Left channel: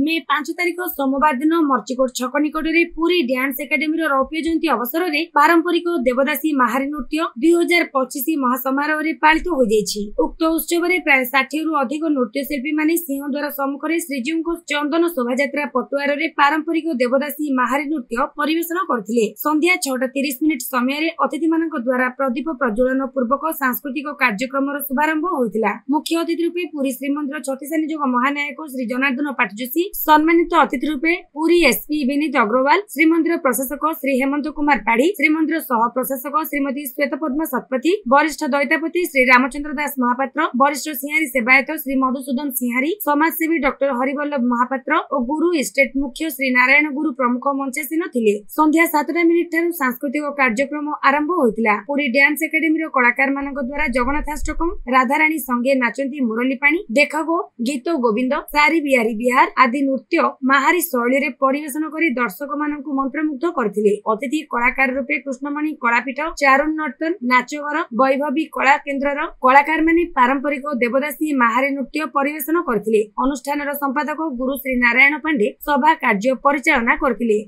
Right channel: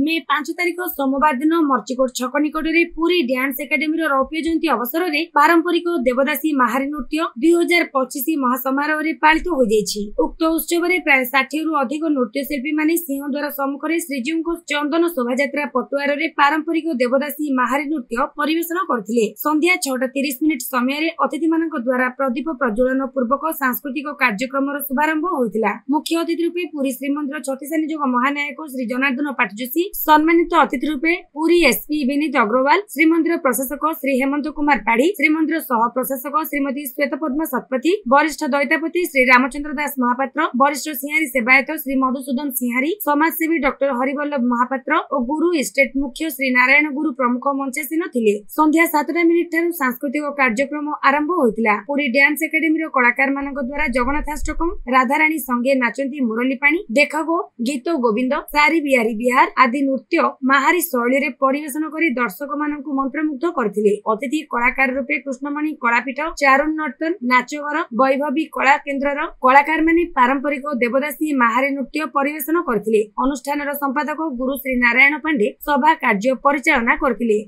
मे 5 तारिख सोमवार दिन मर्चिकोट छक निकट में पुरी डांस एकाडेमी रौप्य जयंती अवसर में पारंपरिक देवदासी महारी नृत्य 2025 महासमारोह में पालित हो जाइछि। उक्त उत्सव में प्राय 60 रु अधिक नृत्यशिल्पी माने सिंहद्वार सम्मुख में श्रीजीव को चंदन शोभायात्रा पटुआर में पारंपरिक देवदासी महारी नृत्य परिवेशन करथिले। संध्या 6:30 समय अतिथि मानक द्वारा प्रदीप प्रज्वलन पूर्वक सांस्कृतिक कार्यक्रम शुभारंभ होइतिला। मुख्य अतिथि रूपे पुरी श्रीमंदिर छत्तीसा निजोग महानायक श्री जनार्दन पाटजोशी, सम्मानित अतिथि रूपे पुरी एसपी विनीत अग्रवाल, श्रीमंदिर प्रशासक श्री हेमंत कुमार पाढ़ी, श्रीमंदिर सह प्रशासक श्रीमती श्वेतपद्मा सतपथी, वरिष्ठ दैतापति श्री रामचंद्र दास महापात्र, वरिष्ठ सिंहारी सेवायत श्री मधुसूदन सिंहारी, समाजसेवी डॉक्टर हरिवल्लभ महापात्र और गुरु स्टेट मुख्य श्री नारायण गुरु प्रमुख मंचासीन थिले। संध्या 7 ठारू सांस्कृतिक कार्यक्रम आरंभ होइतिला। पुरी डांस एकाडेमी कलाकार मानक द्वारा जगन्नाथाष्टकम, राधाराणी संगे नाचंती मुरली पानी, देखगो गीत गोविंद, सारी बिहारी बिहार आदि नृत्य माहारी शैली रे परिवेशन करी दर्शक मानकु मंत्रमुग्ध करथिले। अतिथि कलाकार रूपे कृष्णमणि कलापीठ, चारुण नर्तन, नाचघर, वैभवी कला केन्द्रर कलाकार माने पारंपरिक देवदासी माहारी नृत्य परिवेशन करथिले। अनुष्ठानर संपादक गुरु श्री नारायण पांडे सभा कार्य परिचालना करथिले।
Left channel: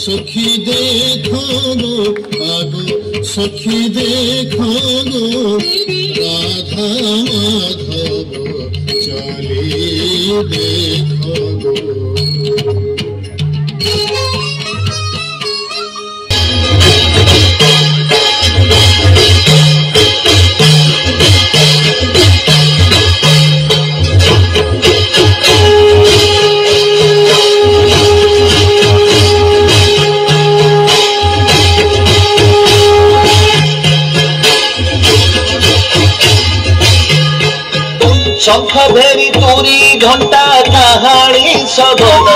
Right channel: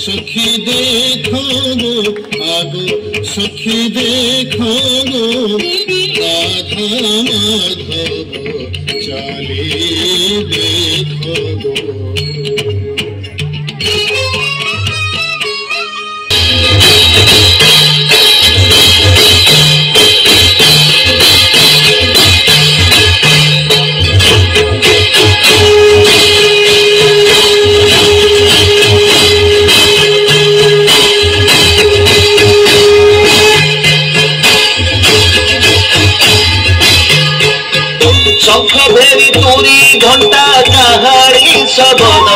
सखी देखो आगो सखी देखो राधा माधव चाली देखो। शंख भेरी तुरी घंटा कहानी शबद,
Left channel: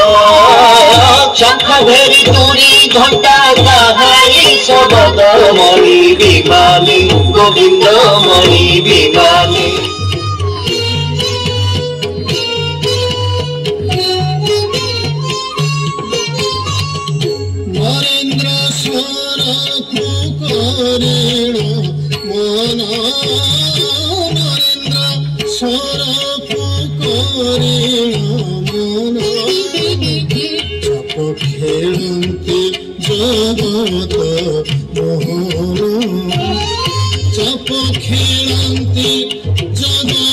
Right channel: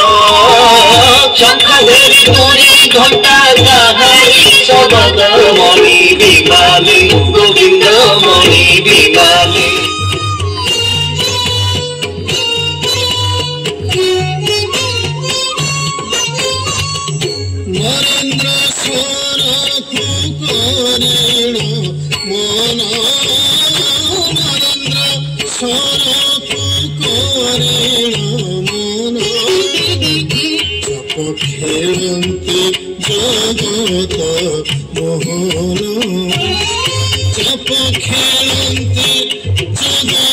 शंख भेरी तुरी घंटा कहानी शबद, मणि विमानी गोविंद मणि विमानी। नरेंद्र स्वर करेण मन, खेलते जगत मोहन, चप खेलते जगत